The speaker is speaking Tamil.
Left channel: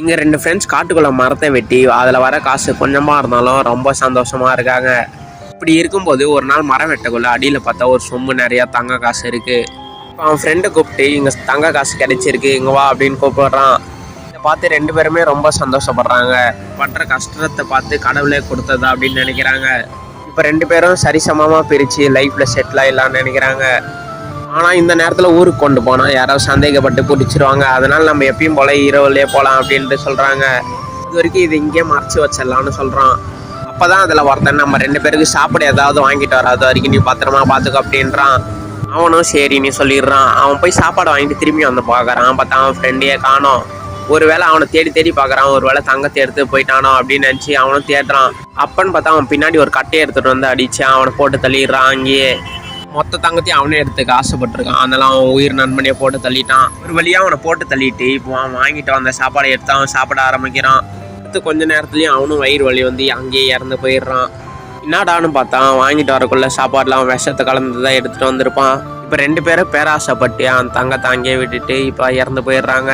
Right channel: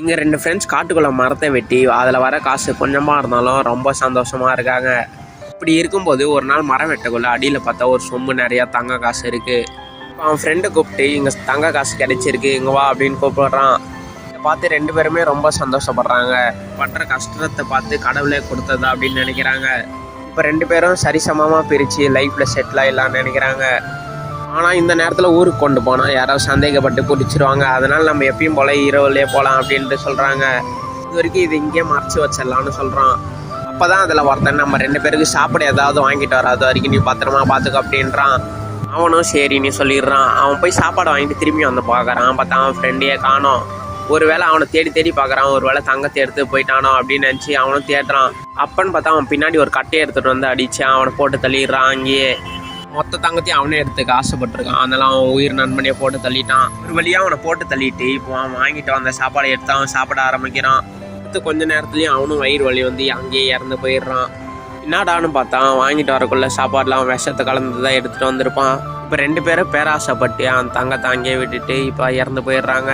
இங்கே 2 ஃப்ரெண்ட்ஸ் காட்டுக்குள்ளே மரத்தை வெட்டி அதில் வர காசு கொஞ்சமாக இருந்தாலும் ரொம்ப சந்தோஷமாக இருக்காங்க. இப்படி இருக்கும்போது ஒரு நாள் மரம் வெட்டக்குள்ள அடியில் பார்த்தா ஒரு சொம்பு நிறையா தங்க காசு இருக்குது. அவன் ஃப்ரெண்டை கூப்பிட்டு இங்கே தங்க காசு கிடைச்சிருக்கு இங்கே வா அப்படின்னு கூப்பிடுறான். இதை பார்த்து 2 பேருமே ரொம்ப சந்தோஷப்படுறாங்க. பண்ணுற கஷ்டத்தை பார்த்து கடவுளே கொடுத்ததா அப்படின்னு நினைக்கிறாங்க. இப்போ 2 பேரும் சரிசமமாக பிரித்து லைஃப்பில் செட்டில் ஆகிடலான்னு நினைக்கிறாங்க. ஆனால் இந்த நேரத்தில் ஊருக்கு கொண்டு போனால் யாராவது சந்தேகப்பட்டு பிடிச்சிருவாங்க. அதனால் நம்ம எப்பயும் போல இரவுலேயே போகலாம் அப்படின்ட்டு சொல்கிறாங்க. இது வரைக்கும் இது இங்கேயே மறைச்சி வச்சிடலான்னு சொல்கிறான். அப்போ தான் அதில் ஒருத்தன் நம்ம 2 பேருக்கு சாப்பிட ஏதாவது வாங்கிட்டு வராது வரைக்கும் நீ பத்திரமா பார்த்துக்க அப்படின்றான். அவனும் சரி நீ சொல்லிடுறான். அவன் போய் சாப்பாடு வாங்கிட்டு திரும்பி வந்து பார்க்குறான். பார்த்தா அவன் ஃப்ரெண்டையே காணோம். ஒருவேளை அவனை தேடி பார்க்குறான். ஒருவேளை தங்கத்தை எடுத்து போயிட்டானோ அப்படின்னு நினச்சி அவனும் தேடுறான். அப்பன்னு பார்த்தா அவன் பின்னாடி ஒரு கட்டையை எடுத்துகிட்டு வந்து அடித்து அவனை போட்டு தள்ளிடுறான். அங்கேயே மொத்த தங்கத்தையும் அவனே எடுத்துக்க ஆசைப்பட்டிருக்கான். அதனால அவன் உயிர் நண்பனையே போட்டு தள்ளிட்டான். ஒரு வழியாக அவனை போட்டு தள்ளிட்டு இப்போ அவன் வாங்கிட்டு வந்த சாப்பாடை எடுத்து அவன் சாப்பிட ஆரம்பிக்கிறான். அடுத்து கொஞ்ச நேரத்துலையும் அவனும் வயிறு வலி வந்து அங்கேயே இறந்து போயிடுறான். என்னடான்னு பார்த்தா வாங்கிட்டு வரக்குள்ள சாப்பாடுல அவன் விஷத்தை கலந்து தான் எடுத்துகிட்டு வந்திருப்பான். இப்போ 2 பேரும் பேராசைப்பட்டு அவன் தங்கத்தை அங்கேயே விட்டுட்டு இப்போ இறந்து போயிடுறாங்க.